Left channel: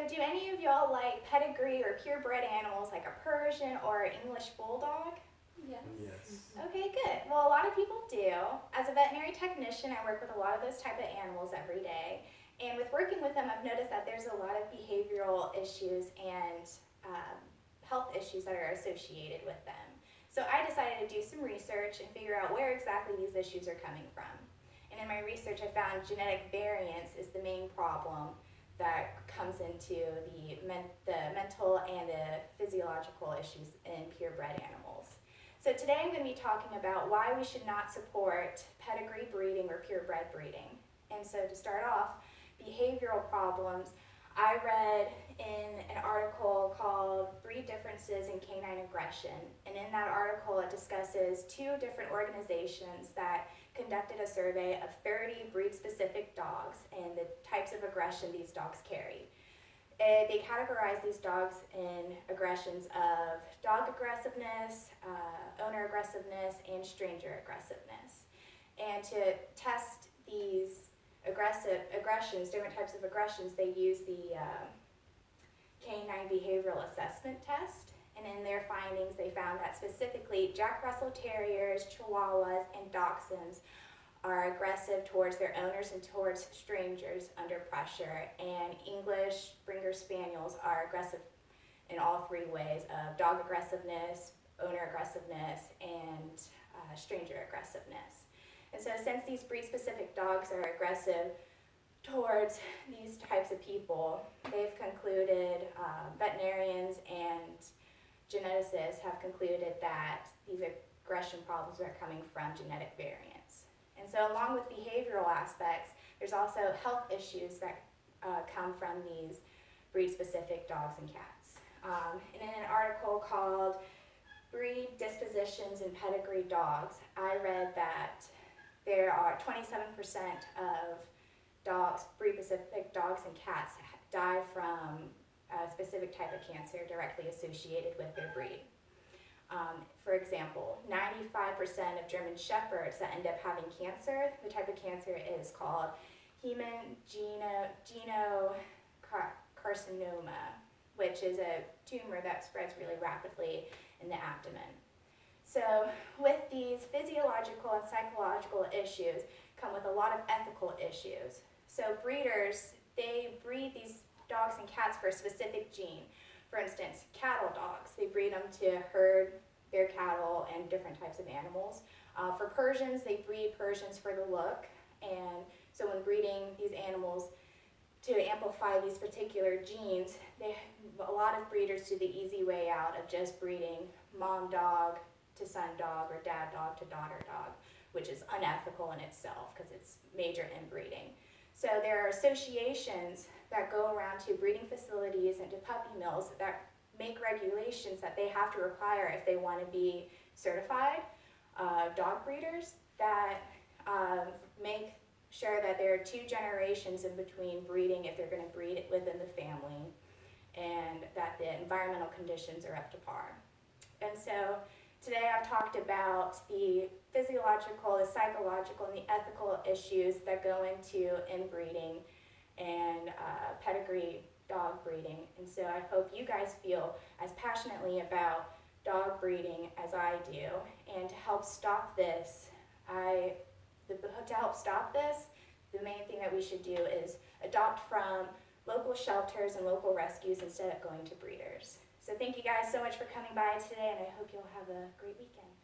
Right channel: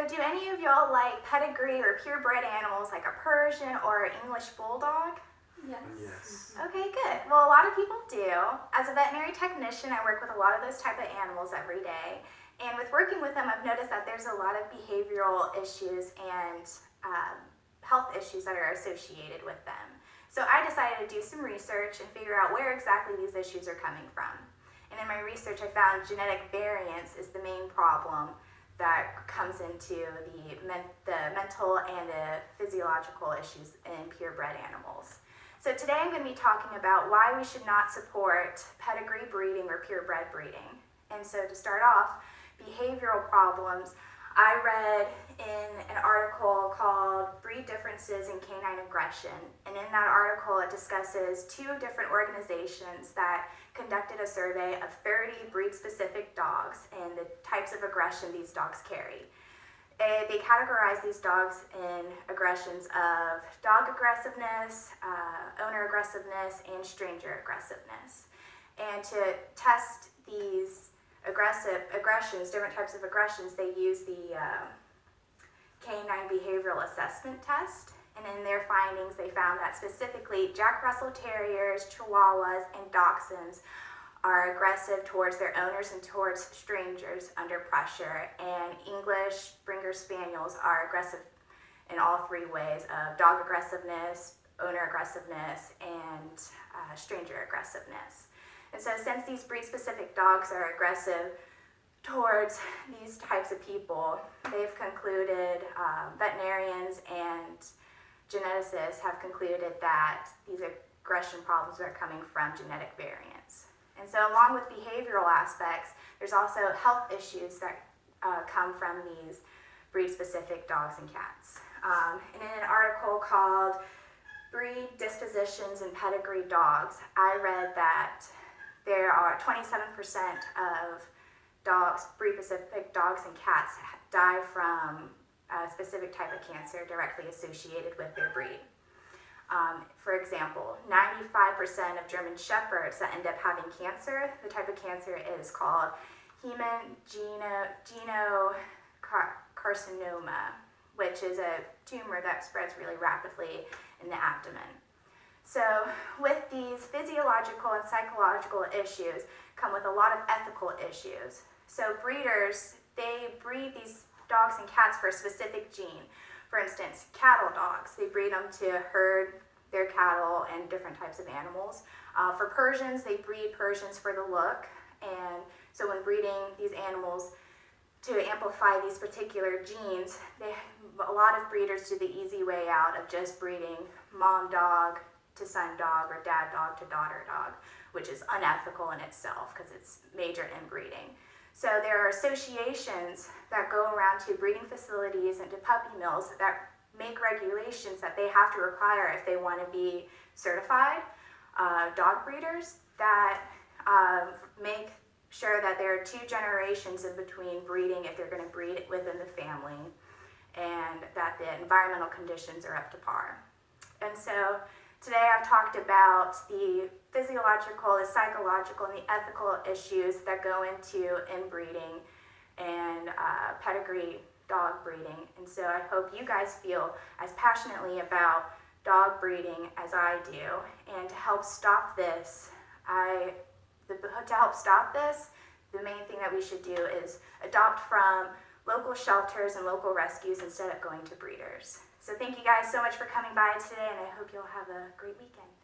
So do any of y'all like pedigree or purebred animals like a Persian or English Bulldog? Yes. Yes. Okay, good. Well, a lot of people do. As a veterinary technician, I work with a lot of those type of animals every day. And with working with them, I've noticed that there's a lot of behavioral issues and health issues that are associated with them. So I decided to do some research and figure out where exactly these issues are coming from. And in my research, I found genetic variance is the main problem that comes into the mental and the physiological issues in purebred animals. So today I'm going to be talking about why we should not support pedigree breeding or purebred breeding. And so to start off, behavioral problems, I read in an article called Breed Differences in Canine Aggression. And in that article, it discusses two different organizations that conducted a survey of 30 breed-specific dogs and the types of aggression these dogs carry. They categorize these dogs in aggressions of dog aggressiveness, owner aggressiveness, and stranger aggressiveness. And to test these aggressions, different types of aggressions, they use the Canine Behavioral Assessment Test. And in their findings, they found that specifically Jack Russell Terriers, Chihuahuas, and Dachshunds are aggressive towards their owners and towards strangers under pressure, and English Springer Spaniels are aggressive in all three ways of dog aggressiveness, owner aggressiveness, and stranger aggressiveness. And so since these breed-specific dogs are aggressive towards these types of people, they've concluded, veterinarians and geneticists have concluded that these aggression problems are coming from genetic variance. And so along with behavioral aspects, there's also health issues that come from these breed-specific dogs and cats. And in an article called Breed Dispositions in Pedigree Dogs, I read that there are 27% of dogs, breed-specific dogs and cats die from a specific type of cancer directly associated with their breed. For example, 95% of German Shepherds that end up having cancer, the type of cancer is called hemangiocarcinoma, which is a tumor that spreads really rapidly in the abdomen. So with these physiological and psychological issues come with a lot of ethical issues. So breeders, they breed these dogs and cats for a specific gene. For instance, cattle dogs, they breed them to herd their cattle and different types of animals. For Persians, they breed Persians for the look, and so when breeding these animals to amplify these particular genes, a lot of breeders do the easy way out of just breeding mom dog to son dog or dad dog to daughter dog, which is unethical in itself because it's major inbreeding. So there are associations that go around to breeding facilities and to puppy mills that make regulations that they have to require if they want to be certified dog breeders that make sure that there are 2 generations in between breeding if they're going to breed it within the family, and that the environmental conditions are up to par. And so today I've talked about the physiological, the psychological, and the ethical issues that go into inbreeding and pedigree dog breeding. And so I hope you guys feel as passionately about dog breeding as I do. And to help stop this, the main thing that we should do is adopt from local shelters and local rescues instead of going to breeders. So thank you guys so much for coming by today, and I hope you'll have a great weekend.